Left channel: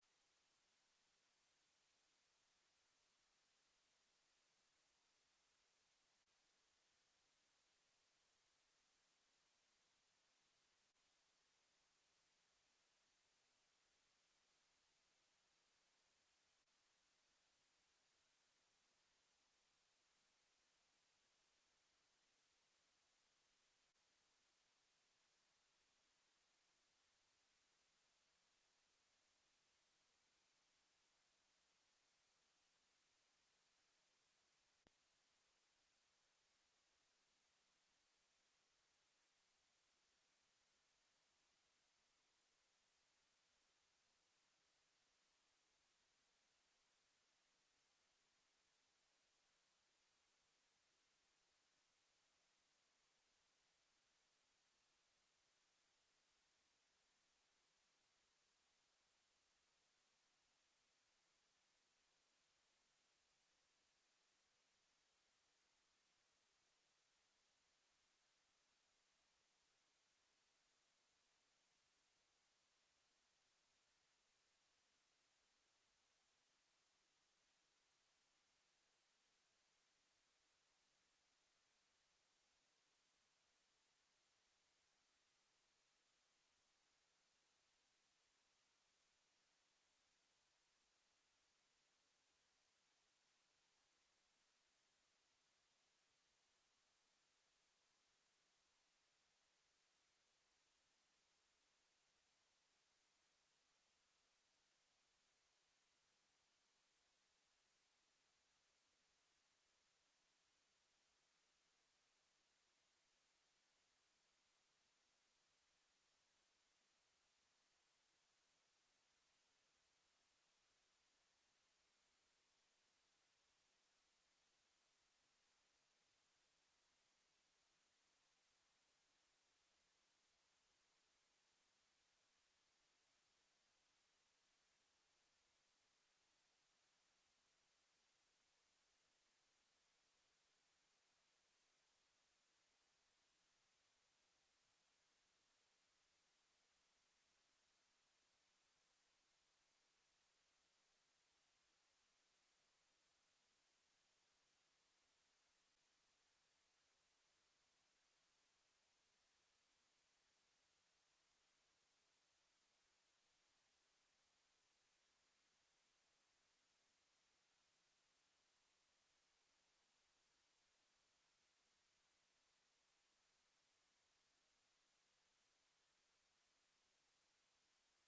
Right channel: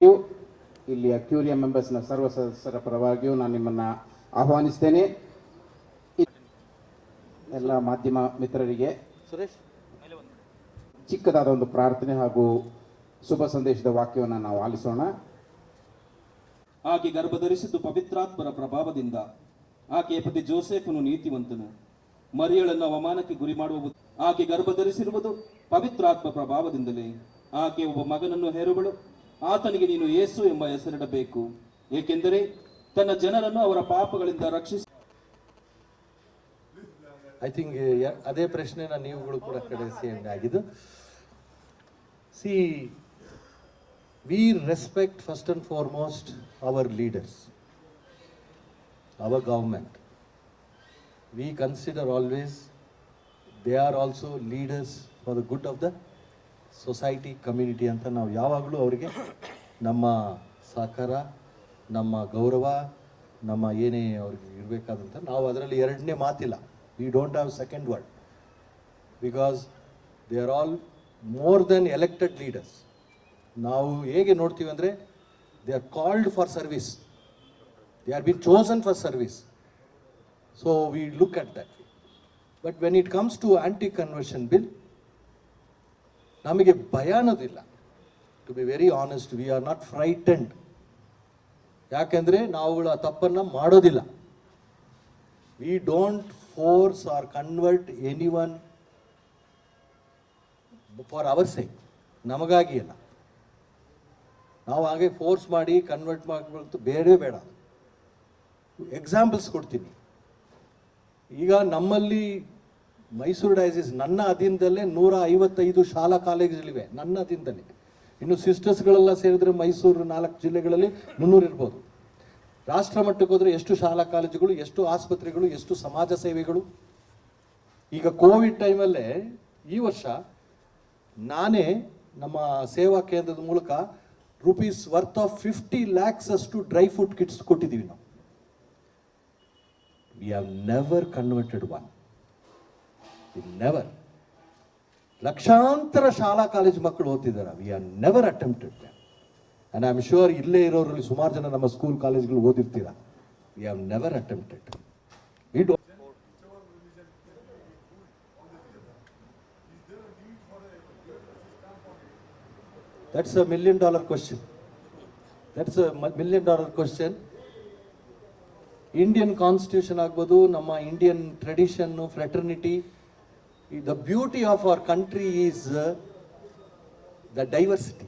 ಇಲ್ಲಿಯ ಕ್ಯೂರಿಯಂ ಮೆಂಬರ್ಸ್ನ ಸರ್ವ ಸದಸ್ಯರ ಪರವಾಗಿಯೂ ನಾನು ನಿಮ್ಮನ್ನು ಆಹ್ವಾನಿಸ್ತೇನೆ. ಎಲ್ಲ ಮಾಧ್ಯಮ ಮಿತ್ರರಿಗೆ ಚಿಕ್ಕದಾದ ಒಂದು ಪ್ರಾರ್ಥನೆ ಹಾಗೂ ಶುಭ ಸಂದೇಶದ ವಾಕ್ಯವನ್ನು ನಾವು ಆಲಿಸೋಣ. ಆಕೆ ಗರ್ಭಧರಿಸಿದ್ದು ಪವಿತ್ರಾತ್ಮರ ಪ್ರಭಾವದಿಂದ. ಆಕೆಯ ಪತಿ ಜೋಸೆಫನು ನೀತಿವಂತನು, ಮರಿಯಳನ್ನು ಅವಮಾನಕ್ಕೆ ಗುರಿ ಮಾಡುವ. ಆಕೆ ಗರ್ಭಧರಿಸಿರುವುದು ಪವಿತ್ರಾತ್ಮ ಪ್ರಭಾವದಿಂದಲೇ. ಆಕೆ ಒಬ್ಬ ಮಗನನ್ನು ಹೆರುವಳು, ಆತನಿಗೆ ನೀನು ಯೇಸು ಎಂಬ ಹೆಸರಿಡಬೇಕು, ಏಕೆಂದರೆ ತನ್ನ ಜನರನ್ನು ಅವರ ಪಾಪಗಳಿಂದ ರಕ್ಷಿಸಿ. ಐ ಥಿಂಕ್ ಅದೇ ಪ್ರಶ್ನೆನ ನೀವುಗಳು ಕೂಡ ಕಳಿಸಿ ಆಗಿದ್ದು. See, we respect first and foremost our leaders, our government. We consider always they are also leaders for the good of the society, community ಅಂತ ನಾವು ಯಾವಾಗಲೂ ಅವರಿಗೆ ನಮ್ಮ ಸಹಕಾರ, ನಮ್ಮ ಗೌರವ, ನಮ್ಮ ಏನೇ ಅವ್ರಿಗೆ ಇರಬೇಕಾದಂಥ ನಾವು ಅದರಲ್ಲಿ ಎರಡನೇ ಮಾತಿಲ್ಲ. We don't have second word, because they are all more than elected leaders. ನಾವು ಹೇಗೆ ನೋಡ್ತೀವಿ ಅಂದರೆ they are called for service, they are been chosen for service. So we look at that. But when it comes to anti conversion bill, ನಮಗೆ ಭಯ ಅನ್ನೋದಿಲ್ಲ. To be very honest, we are not frightened. ಯಾಕೆಂದರೆ ನಾವುಗಳ ತಪ್ಪನ್ನು ಮಾಡೋದಿಲ್ಲ. We don't force or convert anyone for our sake, ನಮಗಾಗಿ ಅಲ್ಲ. ನಾವು ಹಾಗೆ ಫೋರ್ಸ್ ಮಾಡಿ ಕನ್ವರ್ಟ್ ಮಾಡಬೇಕು ಬೇಡವೇ ಬೇಡ. ಎಕ್ಸಾಂಪಲ್ಸ್ ಕೊಡ್ತೀನಿ. ಈಗ ನಮ್ಮಲ್ಲಿ ಮೈಸೂರು ಡೈಸಿಸ್ ನನ್ನ ಅಧೀನದಲ್ಲೇ 155 ಶಾಲಾ ಕಾಲೇಜುಗಳಿವೆ, ನನ್ನ ಅಧೀನದಲ್ಲಿ. ಇನ್ನು ಸಿಸ್ಟರ್ಸ್ಗಳೆಲ್ಲ ಸೇರಿದ್ರೆ ಮೈಸೂರು 4 ಜಿಲ್ಲೆಗಳಲ್ಲಿ 300 ಇರ್ಬೋದು. ರಾಷ್ಟ್ರ ಮಟ್ಟಕ್ಕೆ ಹೋದರೆ ಎಷ್ಟು ಶಾಲಾ ಕಾಲೇಜುಗಳು, ಎಷ್ಟು ಆಸ್ಪತ್ರೆಗಳು, ಎಷ್ಟು ಸಮಾಜ ಸೇವೆಗಳು. ಈಗ ಕೋವಿಡ್ ಟೈಮಲ್ಲೇ ಈ ವರ್ಷ ನಾನೇ ನಮ್ಮ ಸೇವಾ ಕೇಂದ್ರದ ಮೂಲಕ ರುಪೀಸ್ ವರ್ತ್ ಆಫ್ 50 lakhs ಅಷ್ಟು ಡ್ರೈ ಫುಡ್ ಕಿಟ್ಸ್ ಕೊಟ್ಟಿದ್ದೀವಿ ನಾವು. We have never converted one, never. ಲಕ್ಷಾಂತರ ಶಾಲಾ ಕಾಲೇಜು ಮಕ್ಕಳು ಓದ್ತಿದ್ದಾರೆ. We are never attempted. And I am sure ಇಲ್ಲೇ ಇರೋರಲ್ಲಿ ಸುಮಾರು ಜನ ನಮ್ಮ ಸ್ಕೂಲ್ ಕಾಲೇಜ್ಗಳು ಓದಿರ್ತೀರಾ. We have never attempted. We don't. That's a $1 million question. That's a $1 million question. Indian constitution ಆಗ್ಬೋದು, ನಮ್ಮ ಇಂಡಿಯನ್ ಟ್ರೆಡಿಷನ್ನು, fraternity. The beauty of our country is the diversity.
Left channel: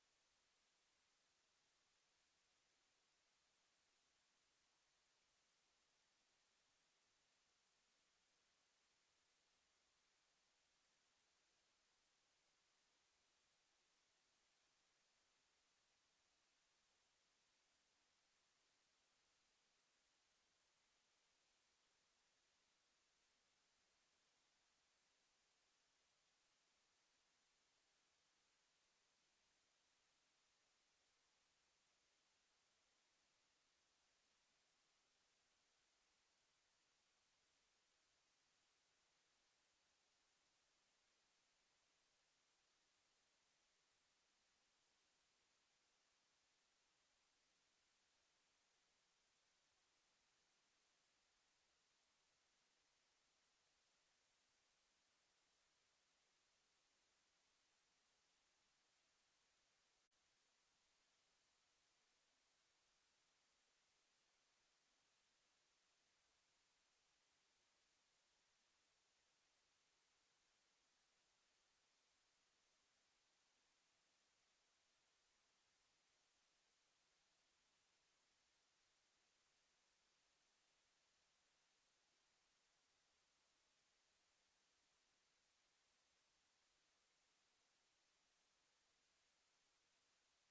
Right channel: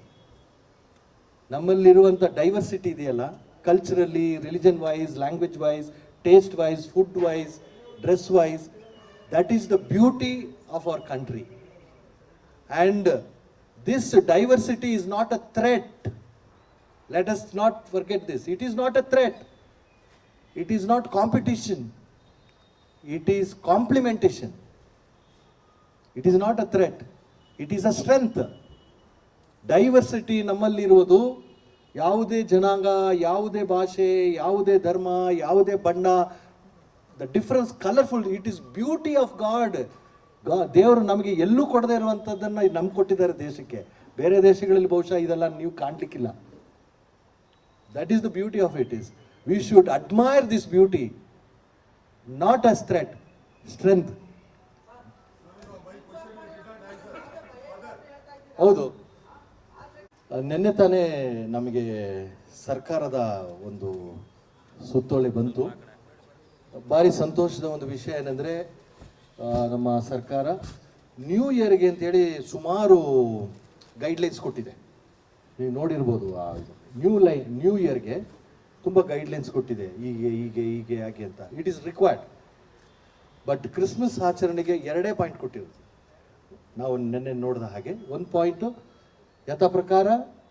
ನಮ್ಮಲ್ಲಿರುವಂಥ ಡೈವರ್ಸಿಟಿ ಇದೆಯಲ್ಲ, culturally, religion wise, language wise, taste wise, food wise, dress wise, that is the beauty of our country. And this diversity is not a threat. Let us not forget this. It is not a threat. It is not competition. It is complementation. It is not a threat. It is a strength. Diversity ನಮ್ಮಲ್ಲಿರುವುದು ಯಾವುದೇ ಜನಾಂಗ, ಯಾವುದೇ ಭಾಷೆ, ಯಾವುದೇ ಧರ್ಮ, ಯಾವುದೇ ಬಣ್ಣ, the difference colourful. It is beauty of god. ದೇವರು ನಮಗೆ ಎಲ್ಲೂ ಕೊಡದೇ ಇರುವಂಥದ್ದನ್ನು ನಮ್ಗೆ ಕೊಟ್ಟಿದ್ದಾರೆ ದೇಶಕ್ಕೆ. ಬೇರೆ ದೇಶಗಳಲ್ಲಿ ಬಹುಶಃ ಇದೆಲ್ಲ ನೀವು ಕಾಣಲಿಕ್ಕಿಲ್ಲ. That is the beauty of it is. We should admire this beauty, not as threat, strength. ಹೌದು, ನಿನ್ನೆ ತಾನೇ ನಮಗೆ ಸರ್ಕಾರದ ಒಂದು ಸುತ್ತೋಲೆ ಬಂತು. ಭಾರಿ ಸಂತೋಷದ ಒಂದು ವಿಷಯ ಏನಂದರೆ, ನಮ್ಮ ಸರ್ಕಾರ ನ್ಯೂ ಇಯರ್ಗೆ ಅಂತೇಳಿ ಸುಮಾರು ಗೈಡ್ಲೈನ್ಸ್ ಕೊಟ್ಟಿದೆ. ನೀವು ನೋಡಿರ್ಬೋದು. ನ್ಯೂ ಇಯರ್ಗೆ ತುಂಬ ಗೈಡ್ಲೈನ್ಸ್ ಕೊಟ್ಟಿದೆ, ಹೀಗೆ ಹೀಗೆ ಹೀಗೆ ಯಾಕೆ ಅಂತ. It is required. But Christmas ಆಚರಣೆಗೆ 2 ಪಾಯಿಂಟ್ ಕೊಟ್ಟಿರೋದು ನಾವು ನಿನ್ನೆ ನೋಡಿದ ಹಾಗೆ. 1 ಪಾಯಿಂಟು ಯಥಾ ಪ್ರಕಾರ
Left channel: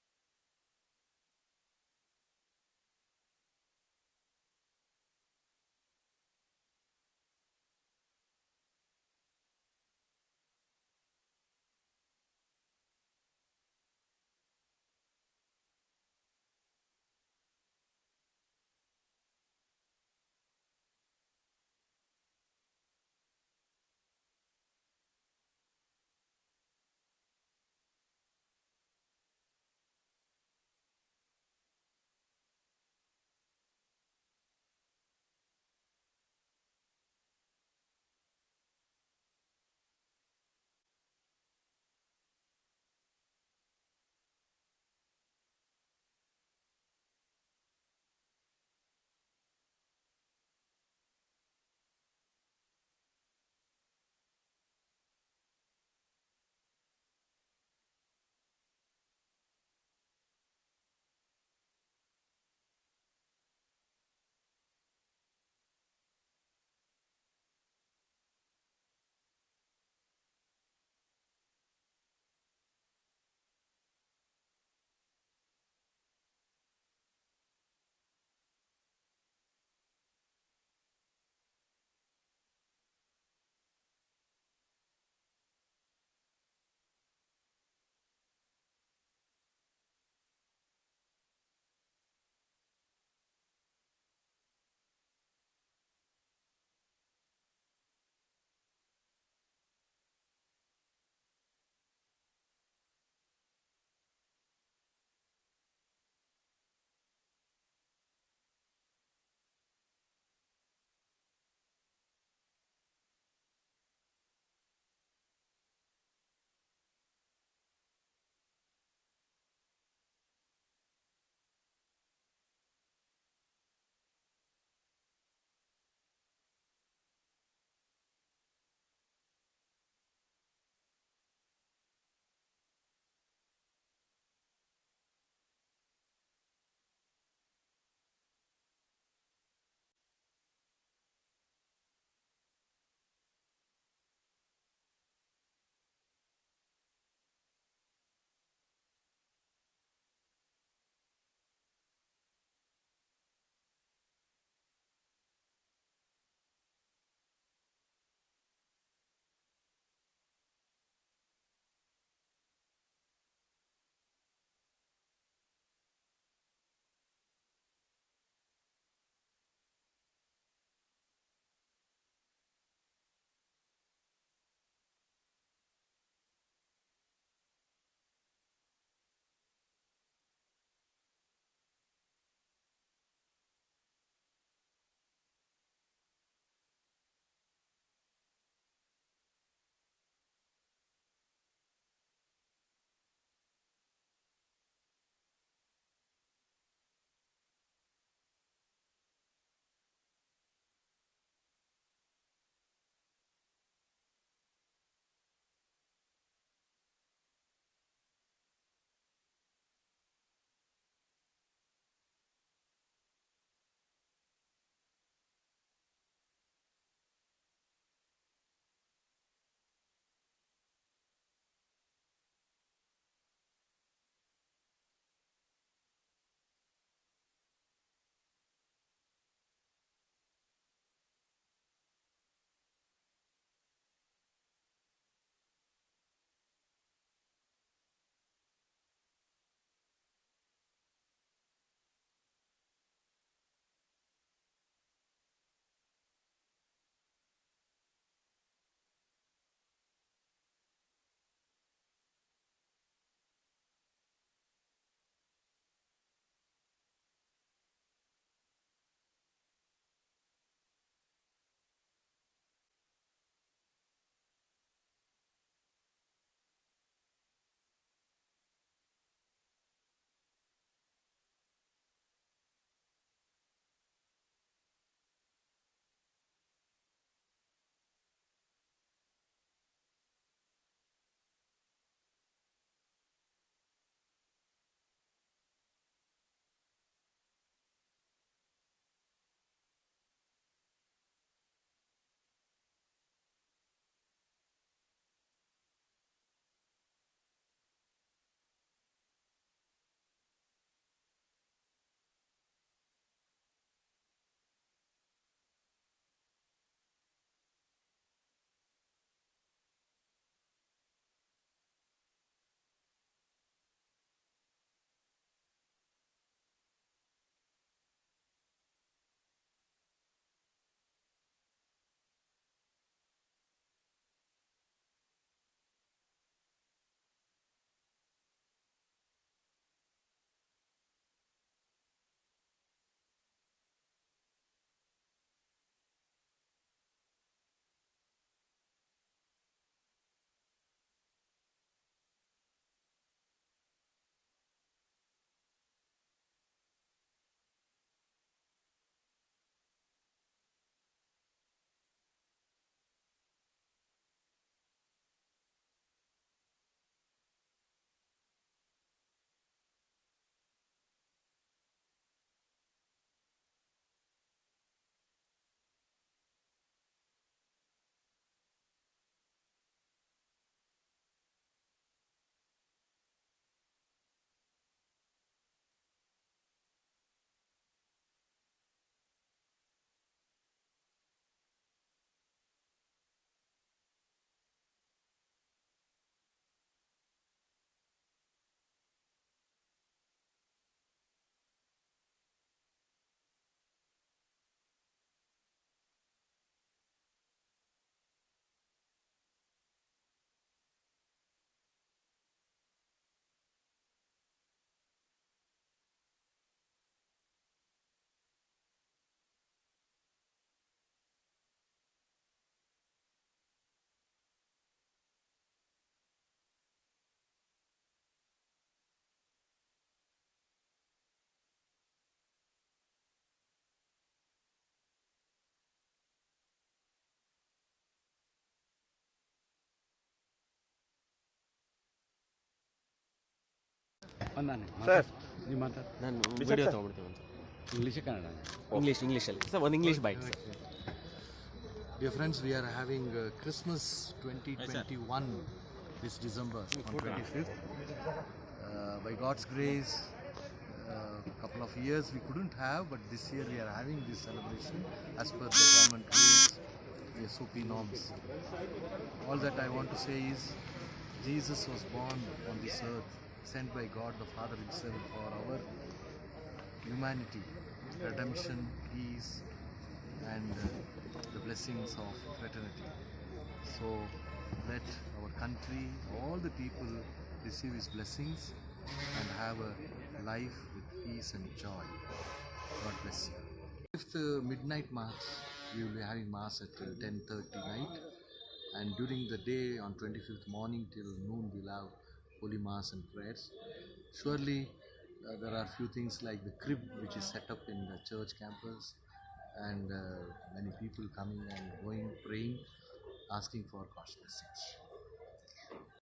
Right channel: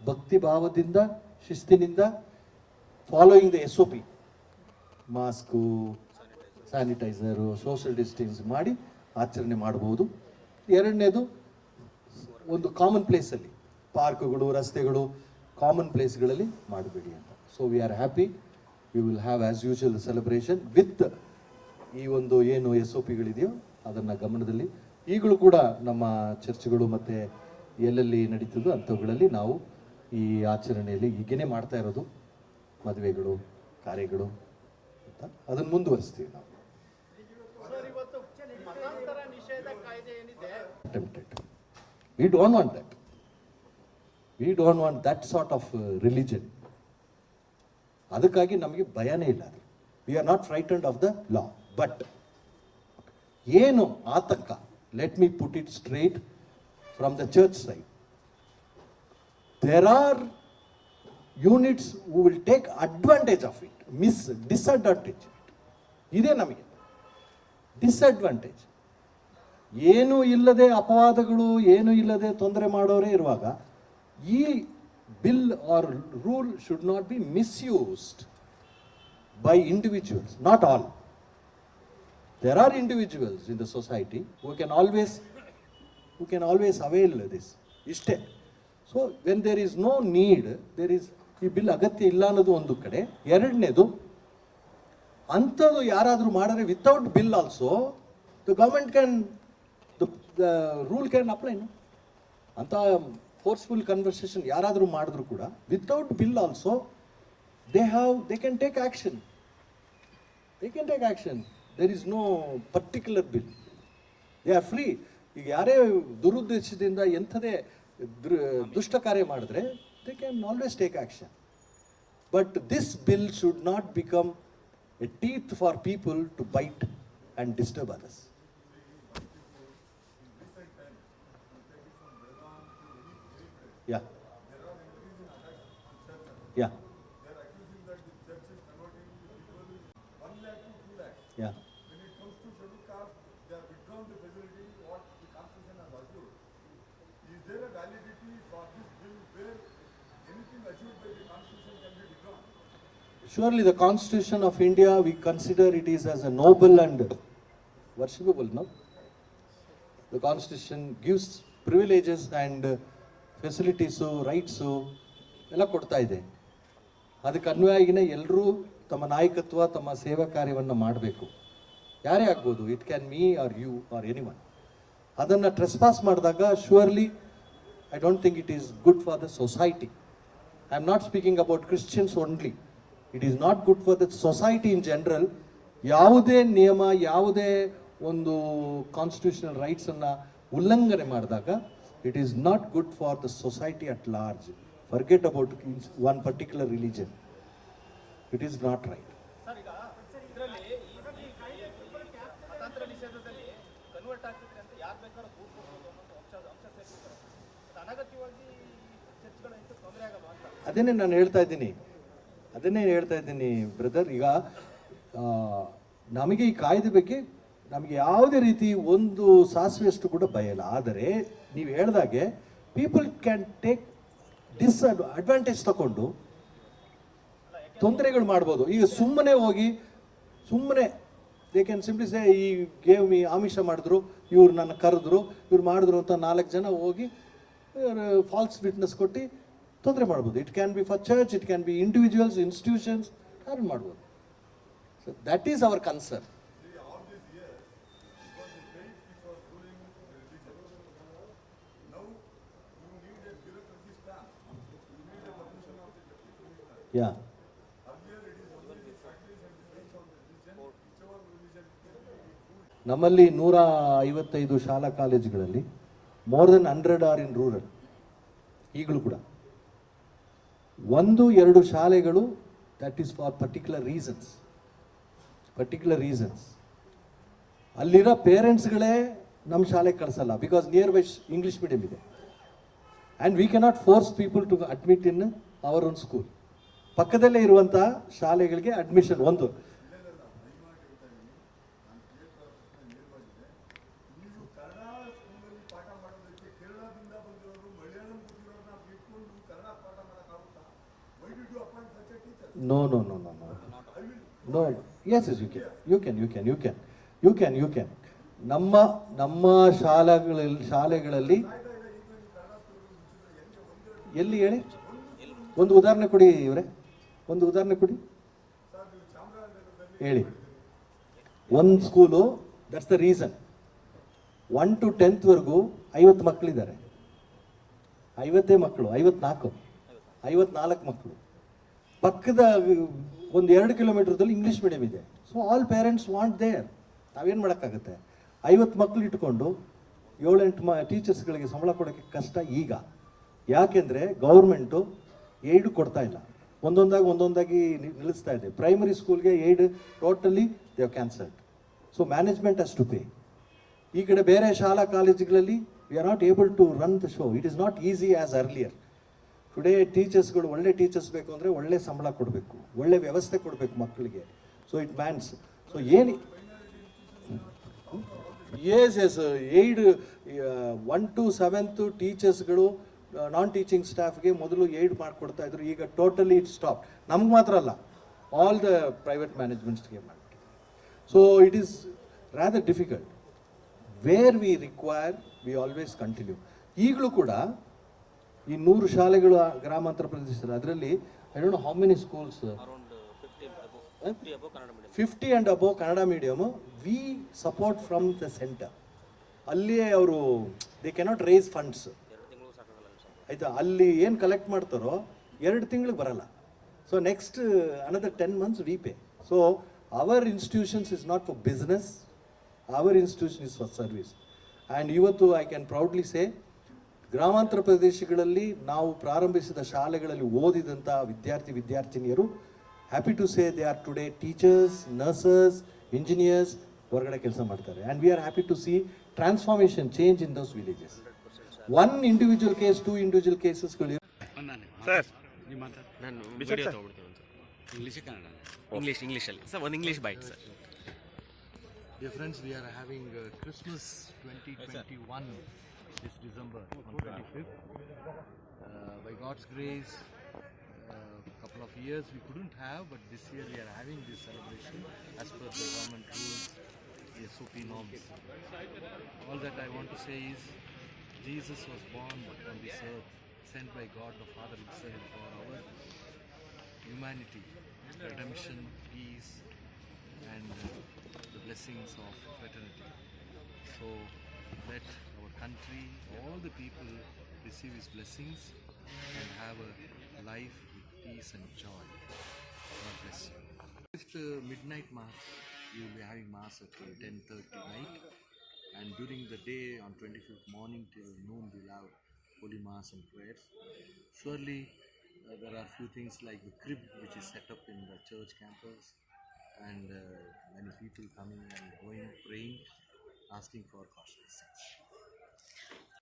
ಭಕ್ತಿ ಭಾವದಿಂದ, ಶಿಸ್ತಿನಿಂದ, following the SOP, mask, sanitiser, social distance ಮಾಡಿ ಆಚರಣೆ ಮಾಡ್ಬೋದು. 2ನೇದು ಒಂದು ಕಾಮನ್ ಪ್ಲೇಸಲ್ಲಿ, ಪಾರ್ಕ್ಗಳು, ರಸ್ತೆಗಳು, ಕಾಮನ್ ಪ್ಲೇಸ್ಗಳಲ್ಲಿ ಮಾಡಬೇಡಿ ಅಂತ. So we are happy. We will have as usual celebration with ಈ ಒಂದು ಏನು SOPಗಳಿದೆಯೋ ಅದನ್ನು ಗಮನದಲ್ಲಿ. ಈಗಲೂ ಕೂಡ ನಮ್ಮ ಚರ್ಚ್ಗಳು ಮತ್ತು ಎಲ್ಲೆಲ್ಲಿ ನಡೀತದೋ ಅಂಥವುಗಳಲ್ಲಿ ನಾವು ಈ ಆಚರಣೆಯಲ್ಲಿ ಈಗೇನೆ ಮಾಡ್ತಾ ಇರೋದು ಮದುವೆಗಳು, ಕಾರ್ಯಗಳು ಅಂತ ಅದನ್ನು ಮುಂದುವರಿಸ್ತೀವಿ ನಾವು. We don't want that. We don't want that sort of religion. ಅದಕ್ಕಾಗಿ ನಮಗೆ ಭಯನೇ ಇಲ್ಲ. We are not frightened of the law. But ಏನು ಆತಂಕ, let me put it straight from the church side. There are units who will take advantage of it, disadvantage. ಇದೇ ನಮಗೆ disadvantage. ಏನೂ ಇಲ್ಲದೆ ಅಪವಾದಗಳು, ಏನೂ ಇಲ್ಲದೆ ತೊಂದರೆ ಮಾಡೋರೇ ಇರುವಾಗ ಈ bill or rule should not be misused by individuals, not all. There are individuals in the society who can always avail this. Ishte. So when there is no need, there is ಈ bill ಅಗತ್ಯ ಇಲ್ಲ ಅನ್ನೋದು ಒಂದು ಕಡೆ. ಎರಡನೇದು, ಅಂಥದ್ದು ಯಾರಾದರೂ ಮಾಡಿದ್ರೆ without bill also the government can, the rule can apply. ಅಂತ ಫೋರ್ಸ್ಫುಲ್ ಕನ್ವರ್ಸೇಷನ್ ಯಾರಾದರೂ ಮಾಡಿದ್ರು ಕೂಡ without bill also they can take action. They can take action. There is no particular bill. They are free. ಈಗ ಯಾರೇ ದುರುದ್ದೇಶದಿಂದ ಎಂಥದೇ ದುಷ್ಟ ಕಾರ್ಯ ಮಾಡಿದ್ರೆ they can always take action. But this bill should not become a teeth for people to bite and disturb others. Yeah. Yeah. Yeah. When it comes to scheduled caste, they have withdrawn the facility what the Constitution has assured. Is there a validity for this bill where anything assured by the Constitution can be withdrawn? Surely the Constitution of India, we consider it is as a noble and worshipable, no? The Constitution gives privileges and facilities, rights, ಎಲ್ಲ ಕೊಡ್ತಾ ಇದೆ. ಅದಕ್ಕೆ ಅನ್ವಯವಾಗಿನೇ ಎಲ್ಲರೂ ತಮ್ಮ ನಾಯಕತ್ವ, ತಮ್ಮ ಸೇವಾ ಕಾರ್ಯವನ್ನು ಮಾಡಬೇಕು. ಯಾರೇ ಆಗ್ಬೋದು, it can me or you or anyone. ಅದನ್ನು ಟ್ರೆಸ್ಪಾಸ್ ಮಾಡಿದಾಗ surely I don't think it is good for the society. I am not speaking about Christians only. It is not good for the society in general. ಯಾವುದೇ ನಿಯಮ, ಯಾವುದೇ ಒಂದು constitutional ರೈಟ್ಸನ್ನು ಉಲ್ಲಂಘನೆ ಮಾಡಿದಾಗ it is not good for the society at large. Forget about one particular religion. It is not right. Sir, ಈಗ ಇದರಲ್ಲಿ ಮತಾಂತರ ನಿಷೇಧದಲ್ಲಿ ಕನ್ವರ್ಟ್ ಆಗ್ತಿದ್ರೆ ಅಂತ ಯಾರು ಬೇಕಾದ್ರೂ ದೂರು ಕೊಡ್ಬೋದು ಅನ್ನೋ ಅಂಶ ಸೇರಿರ್ತಾರೆ. ಅದು ಅನಗತ್ಯವಾಗಿ ಚರ್ಚ್ಗಳ ಹೆಚ್ಚು ತೊಂದರೆ ಆಗಲ್ಲ ಅಂತ. ಅದನ್ನೇ ನಾನು ಹೇಳ್ತಾ ಇದ್ದೀನಿ ಬ್ರದರ್. ಈಗ ನಮಗೆ ಈ ಕಾಯ್ದೆ ಬಗ್ಗೆ ನಮಗೆ ಯಾವುದೇ ರೀತಿ ಒಂದು ಸಾಸಿವೆಯಷ್ಟು ಕೂಡ ಭಯ ಇಲ್ಲ. ಆದರೆ ನೀವು ಹೇಳ್ದಾಗೆ ಪೀಪಲ್ ಕ್ಯಾನ್ ಟೇಕ್ ಅಡ್ವಾಂಟೇಜ್ ತಗೊಂಡು ತೊಂದರೆಗಳು ಮಾಡ್ಬೋದು. ಈಗ ಸುಮ್ಮನೆ ಹೋಗಿ ದೇ ಕ್ಯಾನ್ ಸಿಂಪ್ಲಿ ಸೇ ಈ ಗೇವ್ ಮಿ, ಆಮಿಷ ಮಾಡಿದ್ರು, ಇವ್ರು ನನ್ನ ಕರೆದ್ರು, ಇವ್ರು ಮಾಡಿದ್ರು ಅಂತ 4 ಜನ ಹೋಗಿ ಫಾಲ್ಸ್ ವಿಟ್ನೆಸ್ ಕೊಟ್ಟು ತೊಂದರೆ ಮಾಡ್ಬೋದು. It can be for church, it can be individuals, institutions, ಯಾರು ಮಾಡ್ಬೋದು. So that is our concern. Yeah, ನಮ್ಮಲ್ಲಿ 155 ಶಾಲಾ ಕಾಲೇಜುಗಳಲ್ಲಿ more than 100 are in rural. ಈಗಲೂ ಕೂಡ 1-2 ಶಾಲೆಗಳು that is for particular reasons. ಅಲ್ಲಿರೋ ಪೇರೆಂಟ್ಸ್ಗಳೇ ನಮ್ಮ ಶಾಲೆಗೆ ಕಳಿಸಲ್ಲ, because nearby English medium ಇದೆ. And we cannot force people to admit in our own school. ಪಕ್ಕದಲ್ಲೇ ಇರುವಂಥ ಶಾಲೆಗಳಿಗೆ ಅಡ್ಮಿಷನ್ ಒಂದು. No. Yes, you can. ನಮ್ಮ ಶಾಲೆಗಳಲ್ಲಿ ಎಲ್ಲಿ ಹೇಳಿ, ಒಂದು ಉದಾಹರಣೆ ಕೊಡಿ ಇವರೇ, ಒಂದು ಉದಾಹರಣೆ ಕೊಡಿ ಹೇಳಿ. ಒಂದು school, that's the reason. 1 to 10th ವರೆಗೂ 50 ಮಕ್ಕಳಿದ್ದಾರೆ. 50 ಮಕ್ಕಳು, 54. 54 ಮಕ್ಕಳು. ಪಕ್ಕದ ಒಂದು 2 ಕಿಲೋಮೀಟರ್ದಲ್ಲಿ ಇಂಗ್ಲೀಷ್ ಮೀಡಿಯಂ ಇದೆ. So all parents want there. ನಾವೇನು ಮಾಡೋಕ್ಕಾಗುತ್ತೆ? 50 ಮಕ್ಕಳು ಇಟ್ಕೊಂಡು 7-8 ಟೀಚರ್ಸ್ಗಳಿಗೆ ಸಂಬಳ ಕೊಡೋಕ್ಕೆ ಕಷ್ಟ ಈಗ. ಯಾಕೆಂದರೆ ಗೌರ್ಮೆಂಟು ಏಯ್ಡು ಕೊಡ್ತಾ ಇಲ್ಲ, ಒಂದೊಂದಾಗಿ ನಿಲ್ಲಿಸ್ತಾ ಇದೆ. ಪ್ರೈಮರಿ ಸ್ಕೂಲ್ಗೆ aid totally they have cancelled. So management has to pay. ಈ ಕಡೆ ಬೇರೆ ಶಾಲಾ ಕಾಲೇಜುಗಳಲ್ಲಿ we are not able to run the show. It is not easy as earlier. Today ಟೀಚರ್ಸ್ಗಳು ಒಳ್ಳೆ ಟೀಚರ್ಸ್ ಬೇಕು ಅಂದರೆ ಒಳ್ಳೆ ಸಂಬಳ ಕೊಡಬೇಕು, ಒಳ್ಳೆ ವ್ಯವಸ್ಥೆ ಕೊಡಬೇಕು ಮಕ್ಕಳಿಗೆ. So it means. ಸೊ ಏನು ಎಸ್ 1 to 7th ಟೀಚರ್ಸ್ಗಳು ನಾನ್ ಟೀಚಿಂಗ್ ಸ್ಟಾಫ್ಗೆ ಮೊದಲು ಏಡ್ ಮಾಡಿಕೊಡ್ತಾ ಇದ್ರು. ಈಗ ಟೋಟಲಿ ಇಟ್ ಸ್ಟಾಪ್. ನಮ್ಗೆ ಮಾತ್ರ ಅಲ್ಲ, ಆಲ್ ದ ಪ್ರೈವೇಟ್ ಮ್ಯಾನೇಜ್ಮೆಂಟ್ಸ್ಗೆ ಮಾಡಿ. So it is rather difficult. Where we require we always continue. ಈಗಲೂ ಕೂಡ ಈ 100 ಶಾಲೆಗಳು ಗ್ರಾಮಾಂತರ ಪ್ರದೇಶದಲ್ಲಿ, ಅದರಲ್ಲಿ I don't know how many schools, 50 and above Kannada medium V support from the centre. ಅಲ್ಲಿಯೇ ಅವರು ದೇ ಕೆನಾಟ್ ರೇಸ್ ಫಂಡ್ಸ್, ಆಯಿತಾ? ಅಲ್ಲಿ ಏನು ಕಲೆಕ್ಟ್ ಮಾಡ್ತಾರೋ 2 ತಿಂಗಳಿಗೆ ಬರಲ್ಲ. So next another 10 months we pay. So our institutions is not for business, our institution is for service. And ಇವತ್ತು I can proudly say, ಗ್ರಾಮಾಂತರ ಪ್ರದೇಶಗಳಲ್ಲಿ ನಾವು ಪ್ರಾರಂಭಿಸಿದ ಶಾಲೆಗಳಲ್ಲಿ ಓದಿದಂಥ ವಿದ್ಯಾರ್ಥಿನಿಯರು, happy to say they are today teachers, nurses, engineers, ಹೊರಗಡೆ ಕೆಲಸ ಮಾಡ್ತಾರೆ. And we are happy to see transformation change in those villages. 1 individual case, 2 individual ಕೇಸಸ್ಗಳು. ನಾನು ವಿಡಿಯೋ ತೊಗೊಳ್ತೀನಿ ಇಂಗ್ಲೀಷಲ್ಲಿ ಸರ್, ಒಂದು English bite sir. Dear friends, we are having Christmas 2021 this December on 25th. By God's grace, couple of years we couldn't have, but this year we are having this celebration as per the government rules, the SOP norms. All that I want to say is, Jesus was born on this earth, sent by God the Father himself for our humanity, redemption, peace, and the blessings of fraternity. So let our country, all the people receive his blessings and have a life with peace and joy. God bless you. If the midnight mass, we will be having mass at 10:30 night, and during the day on 25th morning till noon we'll have holy mass and prayers. Surely there are few things like the crib which is set up in the church campus, and many people coming and going, praying, asking for God's blessings.